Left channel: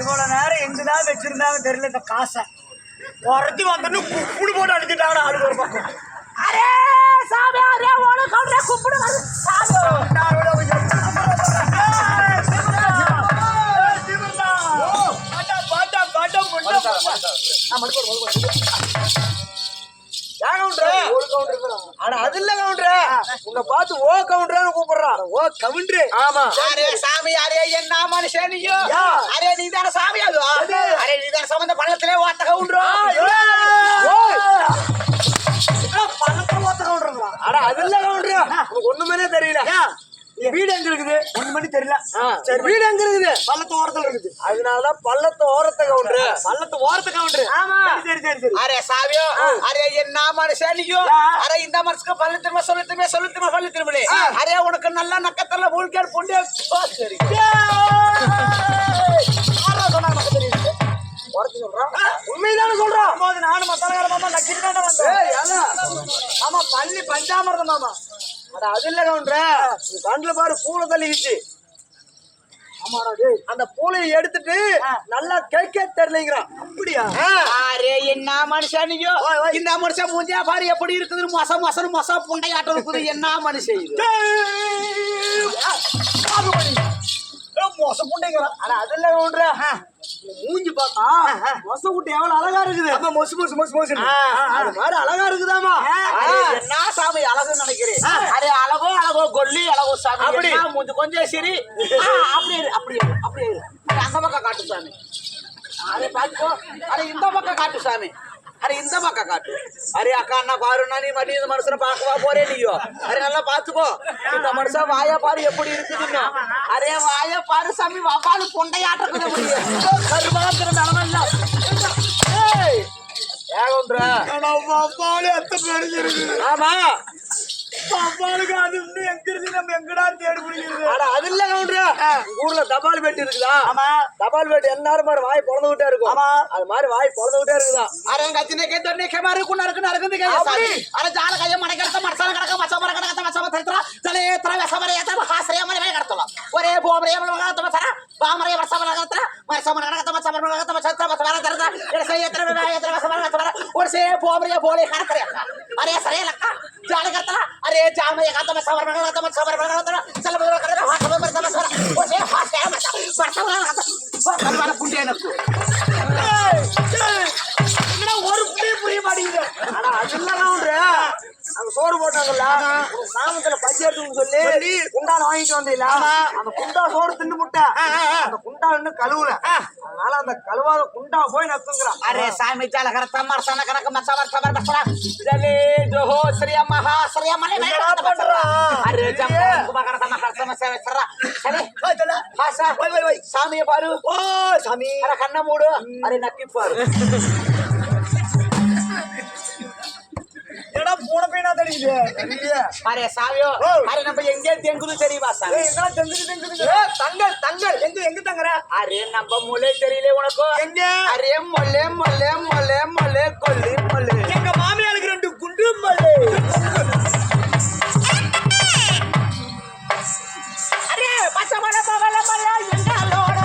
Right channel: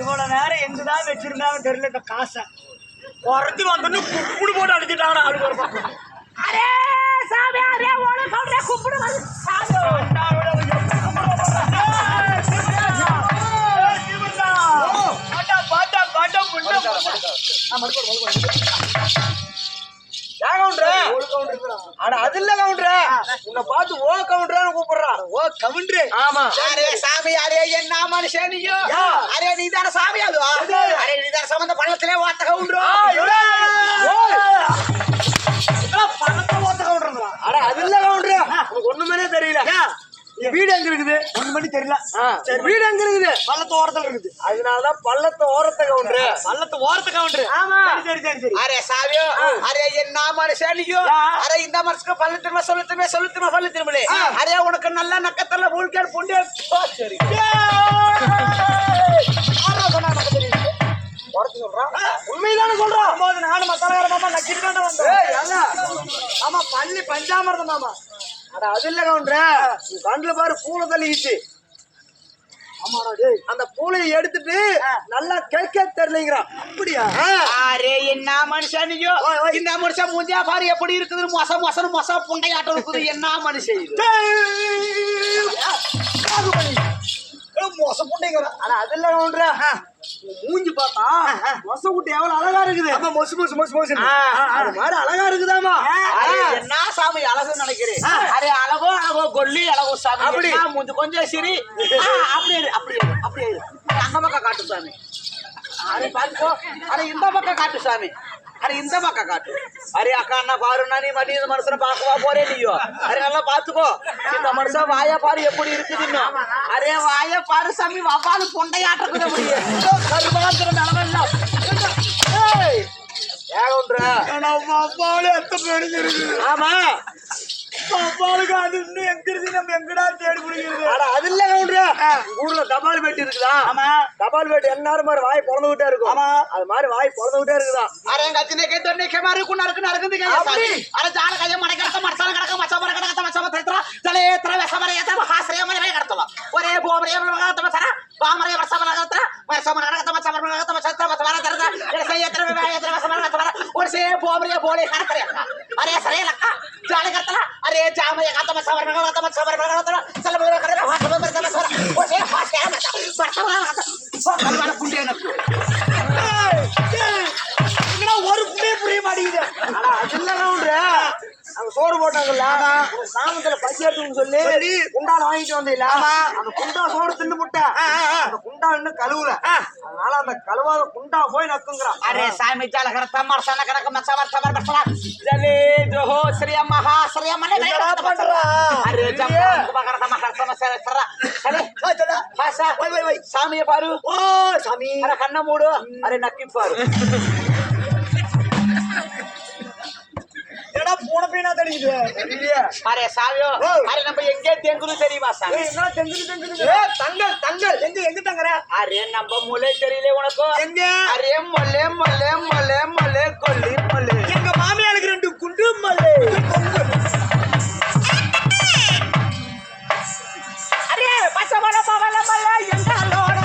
இவ்வளவு நேரம் எங்கதான் வச்சிருந்தாலும் தெரியல இந்த காசை குறைஞ்சி வந்து குப்பிடு போட்டு அடிச்சுட்டாங்க ஆளு ஒரு பக்கம். அரே சாமி அரே ஓட கவுண்டரே குப்பிடு வந்து சாமி அது இல்ல கவுண்டரே உன்னை பார்த்து ஓ கவுண்டரான்னு கூப்பிடுறான். ஓ கவுண்டரு ஆமா. அரே சாமி அரே என்ன மனுஷன் நீயோ அரே நீ தான சாமி அதுவா அரே நீ தான சம்பந்த பள்ளத்திலே ஓட்ட கவுண்டரோ பணத்தை ஓத்த கவுண்டருங்களா? அட அது இல்ல கவுண்டரு உனக்கு ஒண்ணுமே தெரியல. வீடு எங்க இருக்குது? ஒண்ணு மணி தெரியல. சரி வீடு எங்க இருக்குது? பள்ளத்து ஓரத்துல இருக்குது. அதனாலதான் பள்ளத்து ஓரத்தை கவுண்டரு. பள்ளத்து ஓரத்தை கவுண்டரு. ஆமா. சரி சரி சரி. அரே சாமியோ அரே என்ன மனுஷன் நீயோ அரே இந்த மனுஷக்கு பள்ளு திரும்ப சொல்லு திரும்பலே அரே உனக்கு நல்ல நக்கத்தல மூழ்கேடு பொண்டே சரி உண்மைதானே சொல்றோம். நானும் மத்தலகார மாமா நக்கிட்டு தான் வந்தேன். ஆமா பள்ளி பஞ்சாமிரதம் மாமா. அட அது இல்ல கவுண்டர கண்ணுல பாரு பூனை தள்ளிக்கிச்சு. ஆமாடா டேய் அந்த பூளையை எடுத்துட்டு நல்லா கேட்க தெரியலங்கிறான். அப்படியா? அரே என்ன மனுஷன் நீயோ இந்த மனுஷன் மூஞ்சியா பாரு எப்படி இருக்குது மொச புண்டையாட்டம் இருக்குது என்ன மனுஷன் இது மொச புண்டைங்கிறான். ஆனா அது இல்ல கவுண்டர மூஞ்சி பார்த்தா மொச குட்டி எவ்வளவு அழகா இருக்குது. ஆமா மொசு மொசு மொசு மொசு அது மாதிரி அழகா இருக்குதாமா. என்ன சாமி அழகுன்னு நினைக்கிறேன். அரே அழகோ கொல்லி அழகோ சாமி அப்படி மூஞ்சி கொஞ்சம் சரி அப்படியே அந்த பக்கம் காட்டு சாமி. அரே பாத்துக்கோ அரே இந்த பக்கம் காட்டு சாமி. அரே இந்த பக்கம் காட்டு. அரே அக்கா அண்ணா பாருன்னா நீ மடி இந்த மனுஷனை பார்க்கவா போறே நீயோ. அரே நல்லா பாத்துக்கோ இந்த மனுஷன் வாயா பாரு எப்படி இருக்குதுன்னு. அரே வாய பாரு சாமி வப்பாலு பொண்டையாட்டக்குது முடியும் கருமாத்திர நிலமல்ல ஆமா பாப்பாளுக்கு அது இன்னும் எங்க இருக்கு நம்ம எங்கடா தேடி பிடிக்கிறது. அது இல்ல கவுண்டரு ஊர்ல தபால் பெட்டி இருக்குதா? ஆமா தபால் பெட்டி எல்லாரும் மாதிரி வாய் பொழந்து விட்டே இருக்கும். ஆமா அது மாதிரி வாய் பொழந்து விட்டே இருக்குதா? அரே கத்தினே கேட்டே கேமாரு குனருக்கு நடக்குது சாமி. அரே ஜால கைய மடக்கட்ட மரசன கடக்க மச்சமர கடக்க மச்சம தத்ரா தலே தர வசமர ஏத்த ஹாஸ்ரய மர வே கடத்தல ஒரே போமரே மரகத்த மசர பாமரே வசமர கடத்த மச்சமர கடக்க மச்சமர கடக்க மச்சத்ர மச்சமர தரத எரசை ஏத்த வே ஏத்த வசமர கடத்தல ஒரே போமரே போலே கடக்கற அரே சரே லக்க ஜால கடத்தல அரே ಜಾಮಯ ಕಾತಮ ಸವರ್ಣ ಕಾತಮ ಸವರ್ಣ ಸಲಬರ ಕರೆ ಹಾಸಮ ಬರ್ತಮ ಸರ ಓಸೆ ಹಾಸೆ ಬರ್ತಮ ಕಲ್ವಾರ ಪುಂಡೆ ನಕ್ಕು என்னடா ஒரு புடியே புரிய மாட்டேங்குது. அட அதெல்ல கவுண்டர் அங்க சோறு போட்டாங்கல்ல சாமத்துல பசி எடுத்துன்னு சொல்லி குண்டால வாங்கிட்டு வந்தீல அந்த குண்டா சோறு தின்னு முட்டை அந்த குண்டா இன்னும் கழுவுல அதனால அந்த கழுவாத குண்டா போய் நக்குங்கிறான். அரே சாமி ஜால கரத்த மரசன கடக்க மச்சவர் சவர் பசரா ஜலே ஜோஹோ ஸ்ரீ மகா ஸ்ரீ மலே பண்றா அரே ஜம்பன் குபகரத மகரசம சர சலே ஹாசா வை சாமியே பாரு ஓ சாமி அர கண்ண மூடு அரே நக்கி பாரு. எடா பூனை பையனா தெரியுது தெரியலையே அரே சாவியோ அரே நம்ம எங்கே தெங்குது தெரியுமா சாமி என்ன தெங்குது தங்கல் தங்கல் எங்க தங்கற அரே நம்ம மூளை தெரியல உனக்கு எங்க அரே மொல்லே மொல்லே மொல்லே மொல்லே கொல்லி மொல்லே எங்க மாமியாருக்கு 2 குண்டு மல்லே அரே பச்சமல பவல மல்ல எங்களோட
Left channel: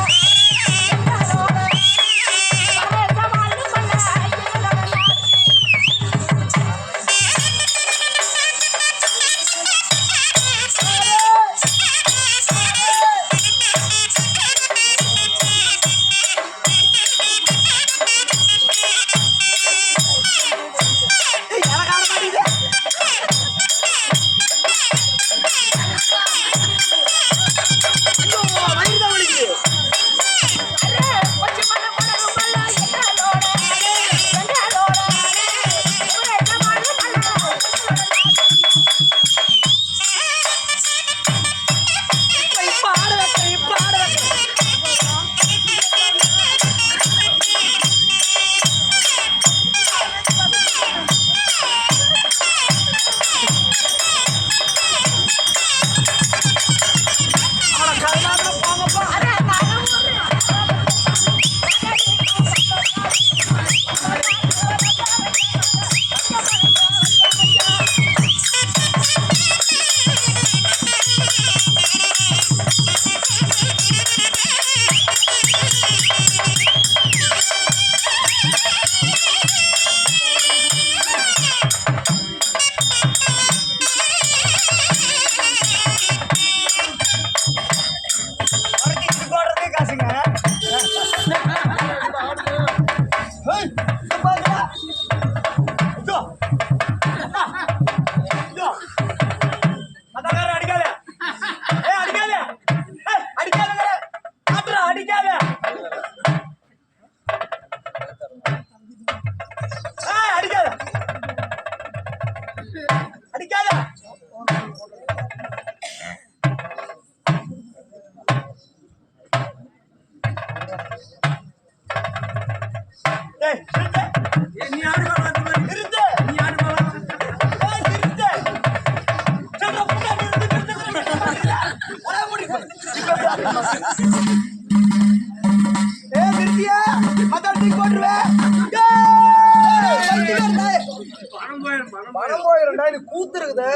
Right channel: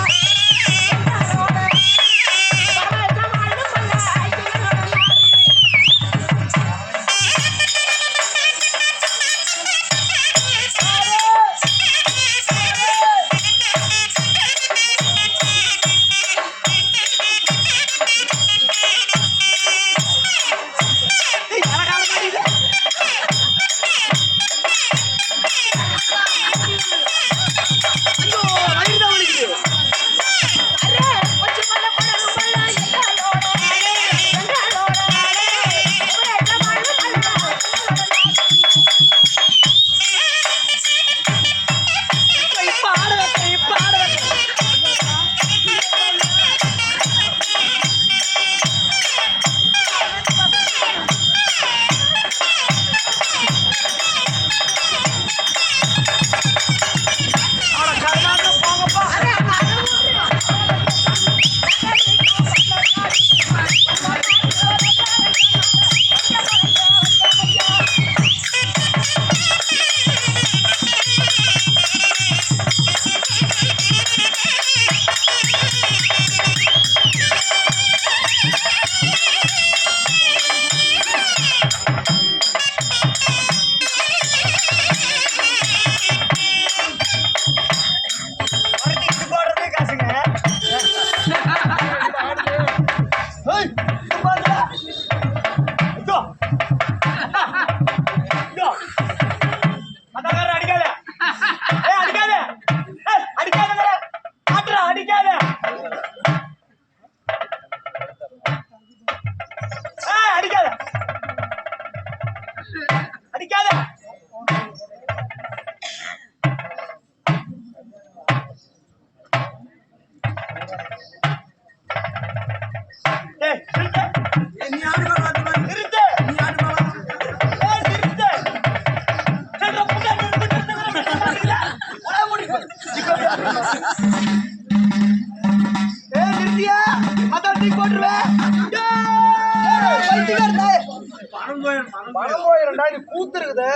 பணம் போயிருந்தா நீ கூத்து இருக்குது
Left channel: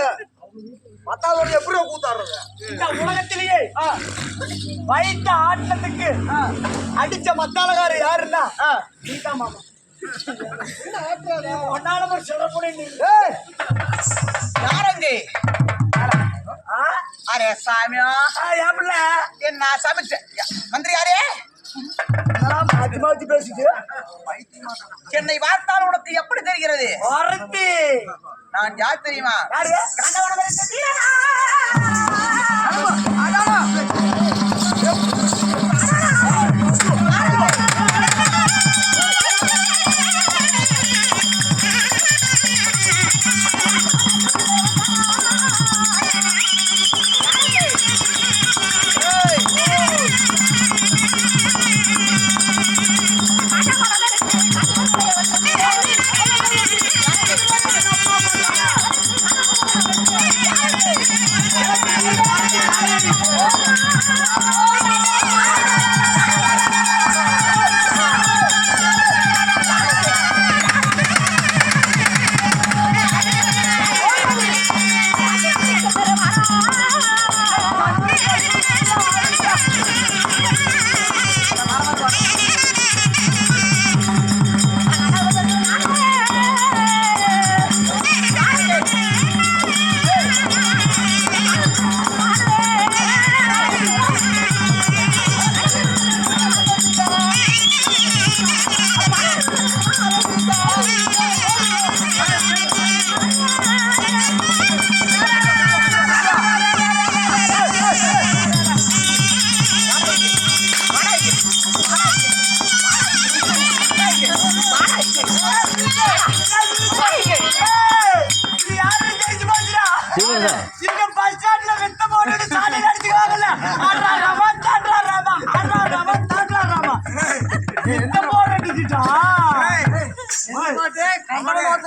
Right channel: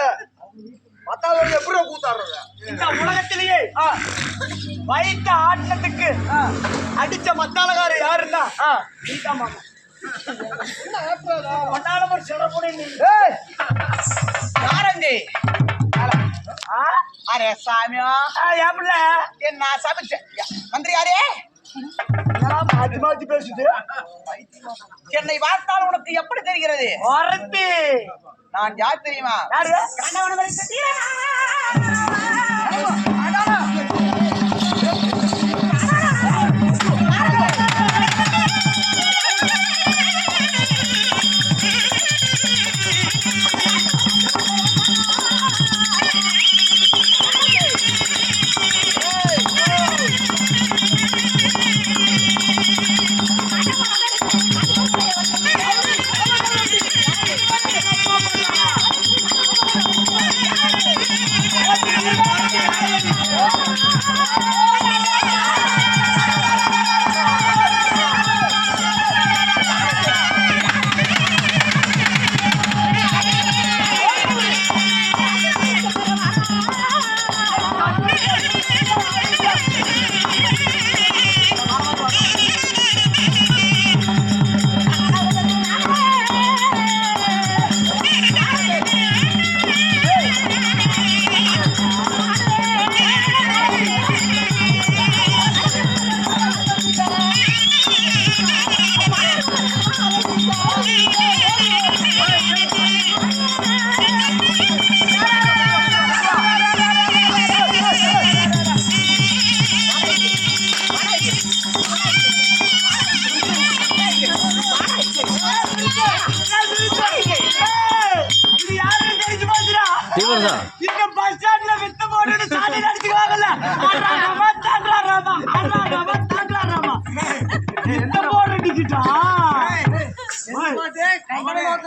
மத்தாதோட எப்படி கூத்தாடுறது இந்த உலகத்திலேயே வைத்த ஆட்டத்துக்கு அடிச்ச மத்தாளகார யாருன்னா நீதா மாமா ஒன்னால சொல்ற நீ யாரங்க அரே சாமியா ஏப்ல என்ன சாமி மந்திரி யாரே மாத்தி மாத்தி பேசுது என்னை பார்த்தால் உனக்கு எப்படி தெரிகிறது நான் யார் தெரியுமா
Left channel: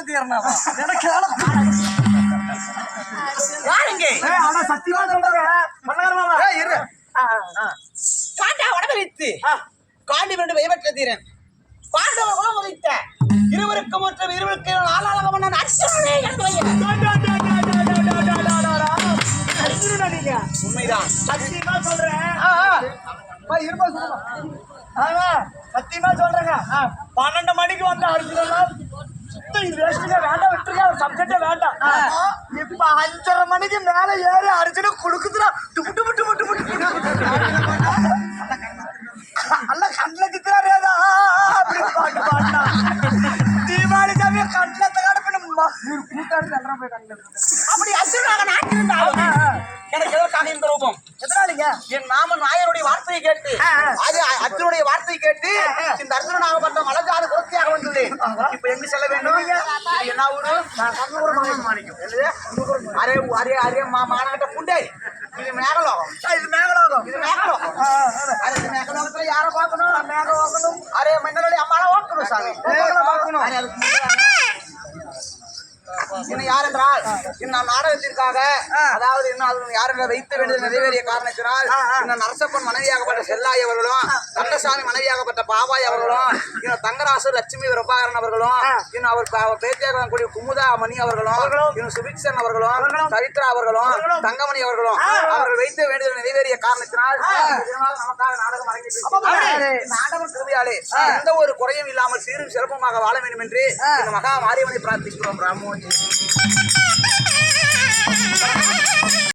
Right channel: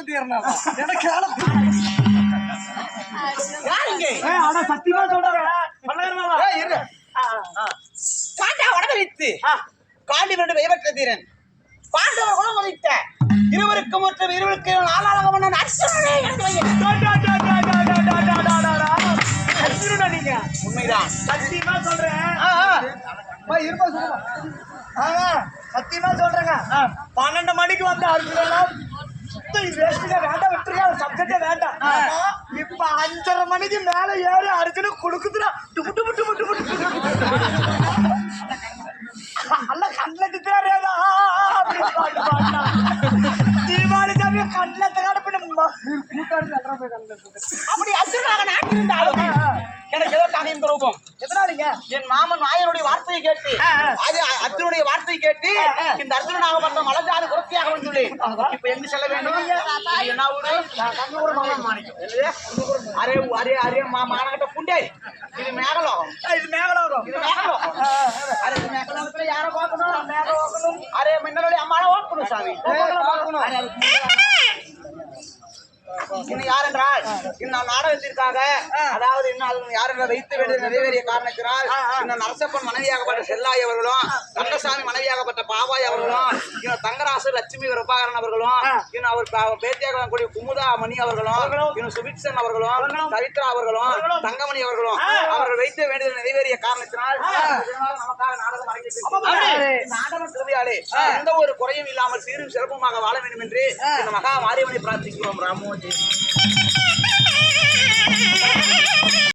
தீர்னா ஆனா சத்தியமா சொல்றாங்க பண்ணாரு மாமா காண்டா வடமரித்து காண்டி வேண்டும் வைவற்ற தீரன் பாண்டவ குலம் மதித்த இருவருக்கும் மற்றும் இருவருக்கு நாளாக மன்னன் அர்ஜுனனே என்று அர்ஜுனனா நீங்க உண்மைதான் சத்தியமா சொல்றேன் சத்தியமா சொல்றேங்க 12 மணிக்கு வந்த அர்ஜுனனா வேஸ்ட்டுங்க வேண்டாம் விட்டுருங்க சப்ஜெக்டே வேண்டாம் இப்ப 5:30 மணிக்கு மேல ஏறி அர்ஜுன குடுக்குதுடா டுபு டுபு டுபு டுபு அல்ல கண்ணில் திட்டுறாரேதா அப்படி பாட்டு பாட்டா தீபாவளி சாமியை கண்ணில் தகாட கூட்டாடு நல்லா போய் கண்ணில் அப்படி அர்ஜுனாக நான் இருந்தாலும் எனக்கு எதற்காக இந்த ரூபம் எதனாலீங்க என் மாமன் நாயனுடைய வார்த்தையை கேட்டு அது அர்ஜுனுடைய வார்த்தையை கேட்டு இந்த அர்ஜுனாகப்பட்ட மலஜாத குரத்தியாக வந்துள்ளேன் இப்ப எங்க செல்ல வேண்டும் இது என்ன ஊரு அரே அரே அரே மாநகட்ட புண்டே இது மேகலோகம் இது மேகலோகம் இது மேகலோகம் அரே இது மேகலோகத்துல யார பார்க்கணும் மேகலோகம் அரே மின்னலி அம்மாவை பார்க்கணும் சாமி பார்க்கணும் அரே அதுக்கு இன்னும் யார் என்றால் இன்னும் நாடகத்திற்காக அதாவது இன்னும் அது யார் என்ற வைத்து வேண்டியது நிறைவேறிய காரணத்தினால் இன்னும் நரசப்பன் மனைவியாகப்பட்ட செல்லாய் அவர்களும் கந்தசாமி மனைவியாகப்பட்ட பாபாய் அவர்களும் இன்னும் தங்கராசு லட்சுமி பிரபாகரன் அவர்களும் இன்னும் அவர் பேத்தியாக கூடிய குமுதா மணி அவர்களும் இன்னும் சுபிக்ஷன் அவர்களும் சரித்ரா அவர்களும் தங்கமணி அவர்களும் அவர்கள் வைத்து வேண்டியது நிறைவேறிய காரணத்தினால் நமக்காக நாடகம் அரங்கேற்றி நாடகம் திருவிழாலே எந்த ஒரு குறையும் இல்லாமல் சீரும் சிறப்புமாக வாழ வேண்டும் என்று இந்த மகா மாரியம்மனை பிரார்த்திக்கிறோம் ராமோ